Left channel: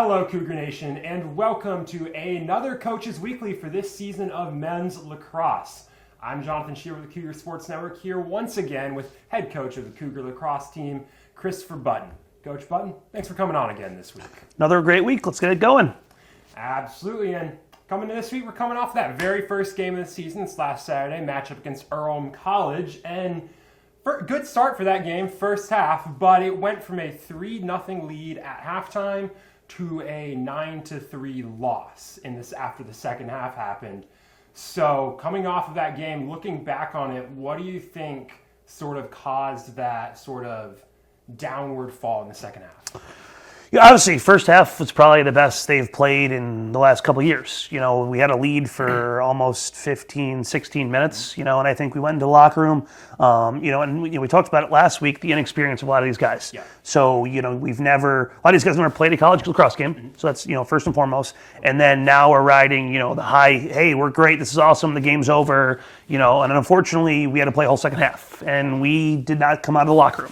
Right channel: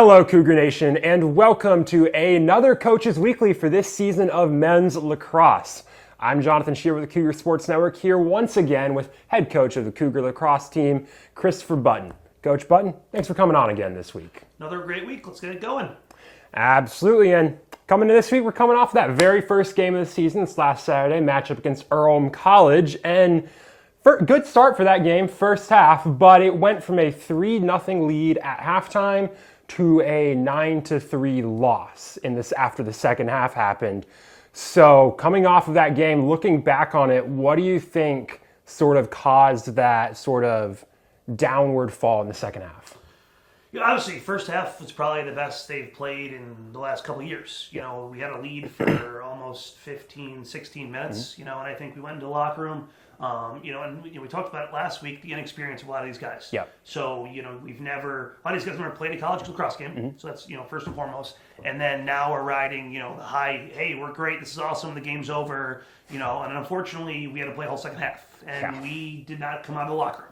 Hello, Cougar Nation, and welcome to another Coaches Weekly for this season of men's lacrosse. I'm Jonathan Shear with the Cougar Sports Network here once again with head coach of the Cougar lacrosse team, Christopher Button. Coach Button, thanks for coming on again this week. Another great week. Let's get it going. Absolutely, and coming to this week, we're coming off that very first game of the season, this last Saturday, matchup against Earlham College, and good start for that game, first half, but it went from a 3-0 lead at halftime to a 9-3 loss after the second half happened. So coming off of that game, looking back on it, what do you think sort of caused that sort of downward fall in the second half? Yeah, obviously, first half was probably the best they've played in the last couple of years. You know, we had a lead for almost 15, 16 minutes, and I think we went into the locker room, and we talked about it last week, the inexperience of a lot of these guys. Yeah. So, a lot of these guys never played a college lacrosse game. So that's, first and foremost. And then now we're riding, the high, hey, we're great, this is awesome, the game's over, and unfortunately we had to play a whole second half. And we did not come out of the locker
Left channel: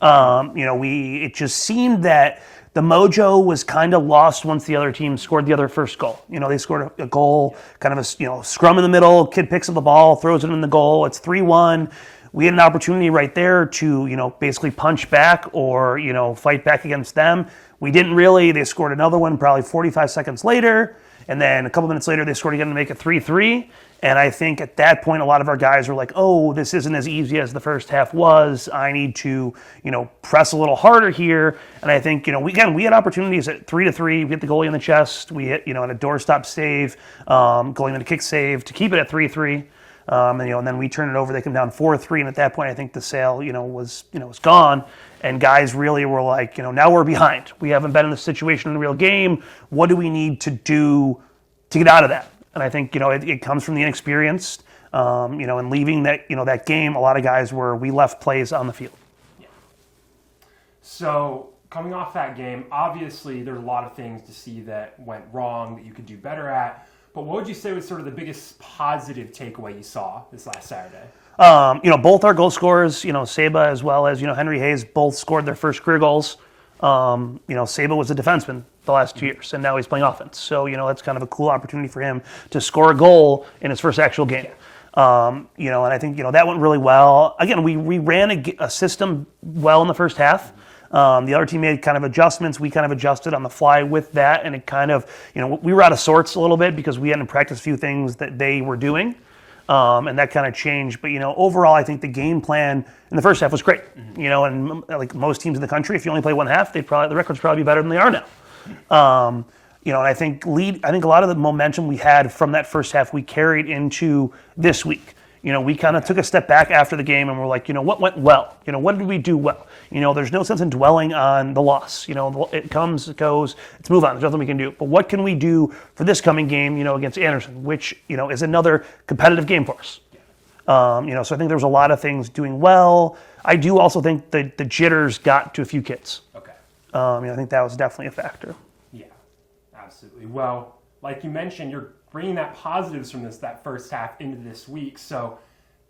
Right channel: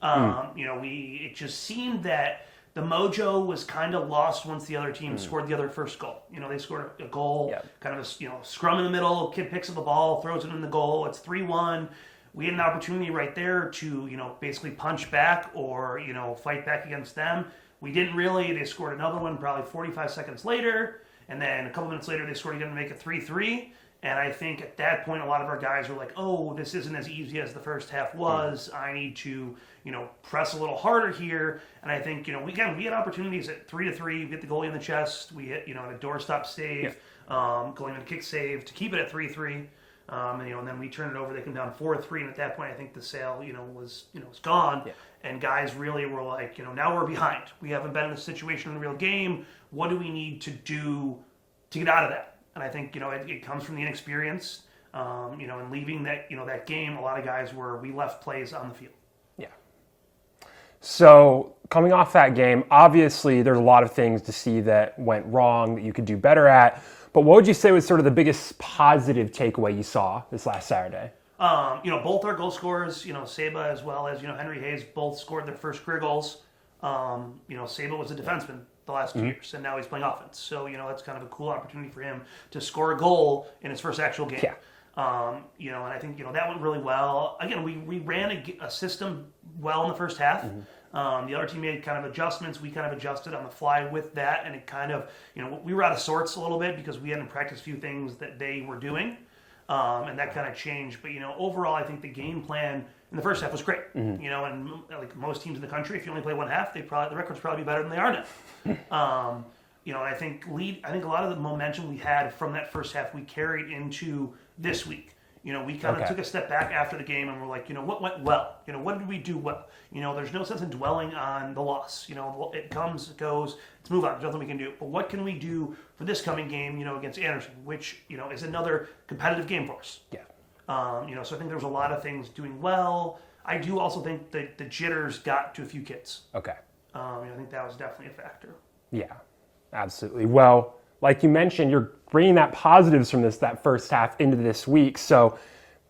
room. It just seemed that the mojo was kind of lost once the other team scored the other first goal. They scored a goal, kind of a scrum in the middle, kid picks up the ball, throws it in the goal, it's 3-1. We had an opportunity right there to, basically punch back or, fight back against them. We didn't really. They scored another one probably 45 seconds later, and then a couple minutes later they scored again to make it 3-3. And I think at that point, a lot of our guys were like, oh, this isn't as easy as the first half was. I need to, press a little harder here. And I think, we had opportunities at 3-3. We hit the goalie in the chest. We hit, on a doorstop save, going in a kick save to keep it at 3-3. And then we turn it over. They come down 4-3. And at that point, I think the sale, was gone. Yeah. And guys really were like, now we're behind. We haven't been in this situation in the real game. What do we need to do to get out of that? And I think, it comes from the inexperienced, and leaving that game, a lot of guys we left plays on the field. Yeah. So coming off that game, obviously there's a lot of things to see that went wrong that you could do better at. But what would you say was sort of the biggest positive takeaway you saw this last Saturday? Both our goal scorers, Saba as well as, Henry Hayes, both scored their first career goals. Saba was a defenseman the last 2 years, and now he's playing offense. So, that's kind of a cool opportunity for him to score a goal in his first actual game. Yeah. And I think, that went really well. Again, we ran a system well in the first half. The other team made kind of adjustments. We kind of adjusted on the fly with that, and it kind of, we were out of sorts a little bit because we hadn't practiced a few things that they were doing. And that kind of changed. But, overall, I think the game plan in the first half was great. And like most teams in the country, if you only play one half, the records probably be better than they are now. And I think a lot of the momentum we had from that first half we carried into this week. We kind of took a step back after the game and we're like, what went well? What did we do well? There's no sense in dwelling on the loss. It comes, it goes, let's move on. There's nothing we can do. But what can we do for this coming game, against Anderson, which, is another competitive game for us. Yeah. So I think there was a lot of things doing well. I do also think that the jitters got to a few kids. Okay. I think that was definitely a factor. Yeah, absolutely. Well, like you mentioned, you're bringing that positives from that first half into this week. So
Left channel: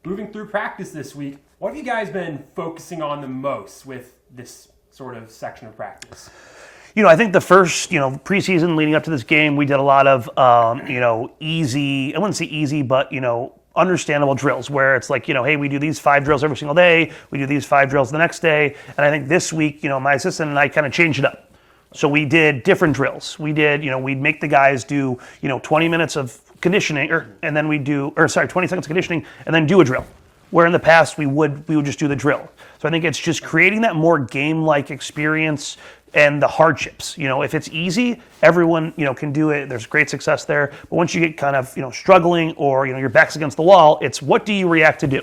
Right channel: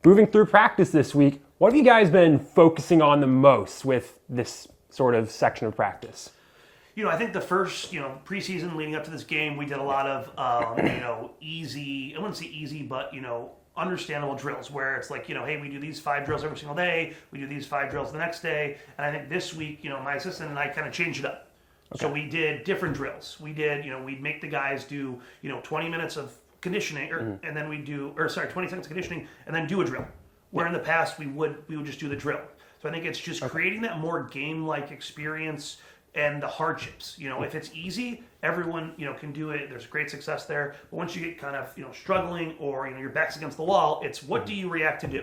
moving through practice this week, what have you guys been focusing on the most with this sort of section of practice? I think the first, preseason leading up to this game, we did a lot of, easy, I wouldn't say easy, but, understandable drills where it's like, hey, we do these 5 drills every single day. We do these 5 drills the next day. And I think this week, my assistant and I kind of changed it up. Okay. So we did different drills. We did, we'd make the guys do, 20 minutes of conditioning and then 20 seconds of conditioning and then do a drill. Where in the past we would just do the drill. So I think it's just creating that more game-like experience and the hardships. If it's easy, everyone, can do it. There's great success there. But once you get kind of, struggling or, your back's against the wall, it's what do you react to do?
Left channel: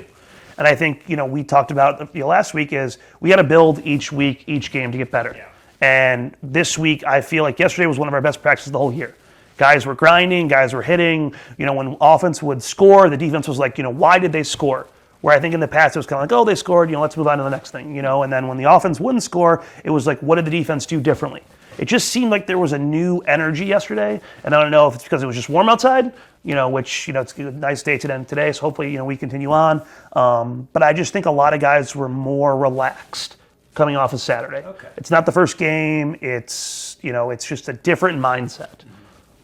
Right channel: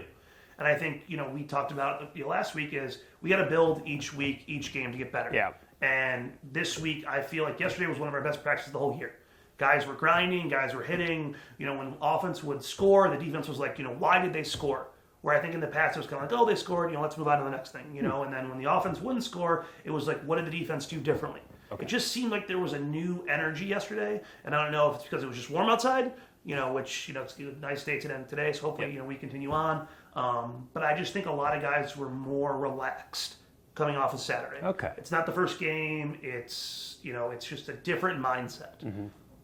And I think, we talked about last week is we got to build each week, each game to get better. Yeah. And this week, I feel like yesterday was one of our best practices the whole year. Guys were grinding, guys were hitting. When offense would score, the defense was like, why did they score? Where I think in the past it was kind of like, oh, they scored, let's move on to the next thing, And then when the offense wouldn't score, it was like, what did the defense do differently? It just seemed like there was a new energy yesterday, and I don't know if it's because it was just warm outside, which, it's a nice day today, so hopefully, we continue on. But I just think a lot of guys were more relaxed coming off of Saturday. Okay. It's not the first game. It's it's just a different mindset.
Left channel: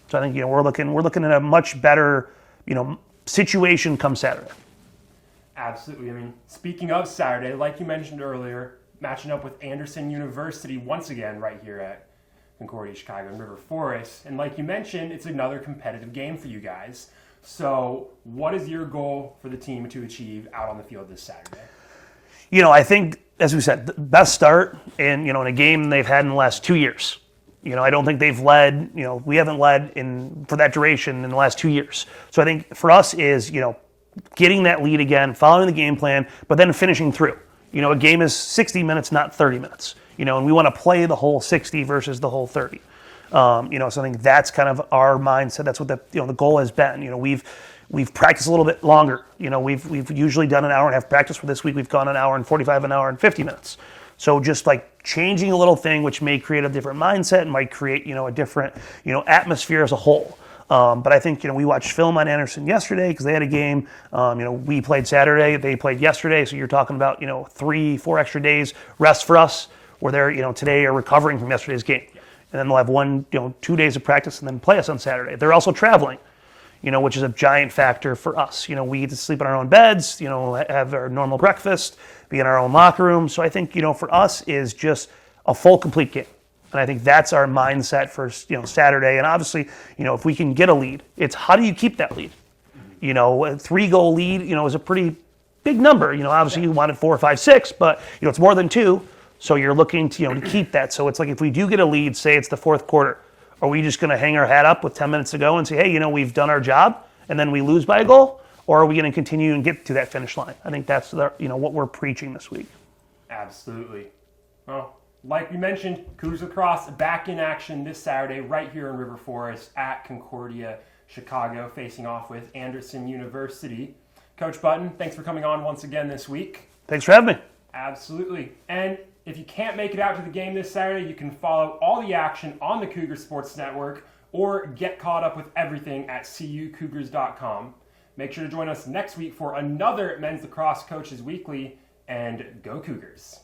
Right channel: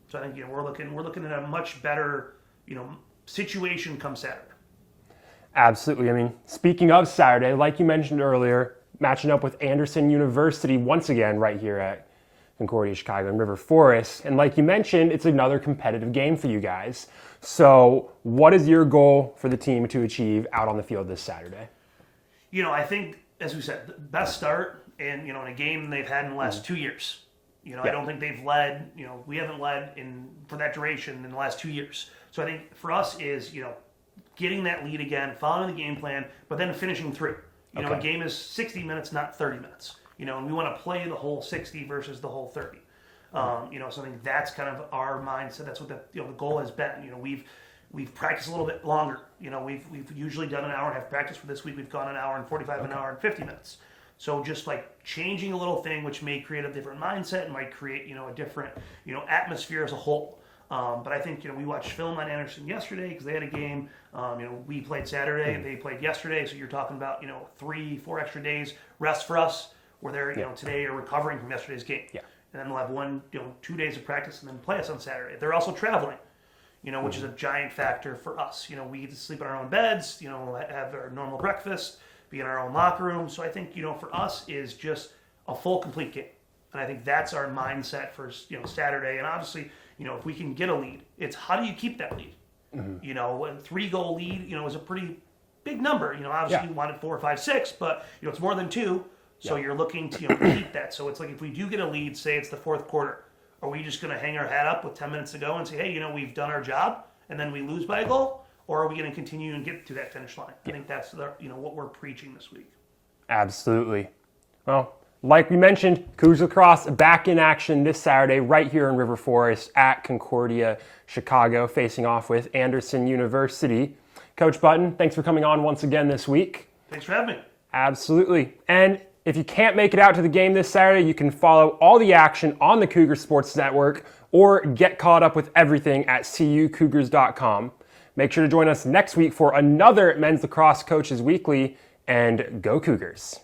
So I think we're looking at a much better situation come Saturday. Absolutely. I mean, speaking of Saturday, like you mentioned earlier, matching up with Anderson University once again right here at Concordia, Chicago, and River Forest. And like you mentioned, it's another competitive game for you guys. So what is your goal for the team to achieve out on the field this Saturday? I think, as we said, the best start in a game they've had in the last 2 years. I don't think they've led, we haven't led for that duration in the last 2 years. So I think for us is, getting that lead again, following the game plan, but then finishing through. A game is 60 minutes, not 30 minutes. And we want to play the whole 60 versus the whole 30. So I think that's kind of our mindset. That's what the goal has been. We've practiced a little bit longer. We've usually done an hour and a half practice. For this week, we've gone an hour and 45, an hour and 50 minutes. So just like changing a little thing, which may create a different mindset and might create a different atmosphere as a whole. But I think we watched film on Anderson yesterday because they had a game. We played Saturday, they played yesterday. So you're talking about 3-4 extra days rest for us, where they're today are recovering from yesterday's game, and then they'll have 2 days of practice and then play us on Saturday. They're also traveling, which is a giant factor for us. We get to sleep in our own beds, have our normal breakfast, be in our own locker room. So I think for us is just a full complete game. And I think that's our mindset for Saturday. And obviously, if we can get a lead, it's how do you keep that lead? A 3-goal lead, is a pretty big number. Obviously you want it 4, 5, 6, but it's more than 2. So you're looking to keep that. So it's like if we do get a lead, say it's the fourth quarter, are we just going to hang our hat up with 10 minutes to go and say, hey, we've done our job, and then we lose by a goal? Or are we going to continue and get to that finish line? I think that's what we're preaching this week. Absolutely. Well, like we mentioned, Cougars Lacrosse back in action this Saturday right here in River Forest at Concordia, Chicago, facing off with Anderson University. Coach Button, thanks for coming on once again this week. Thanks for having me. Absolutely. And if you can't make it out to the game this Saturday, you can follow all the action on the Cougar Sports Network or get caught up with everything at cucougars.com. Make sure to join us next week for another Men's Lacrosse Coaches Weekly, and go Cougars.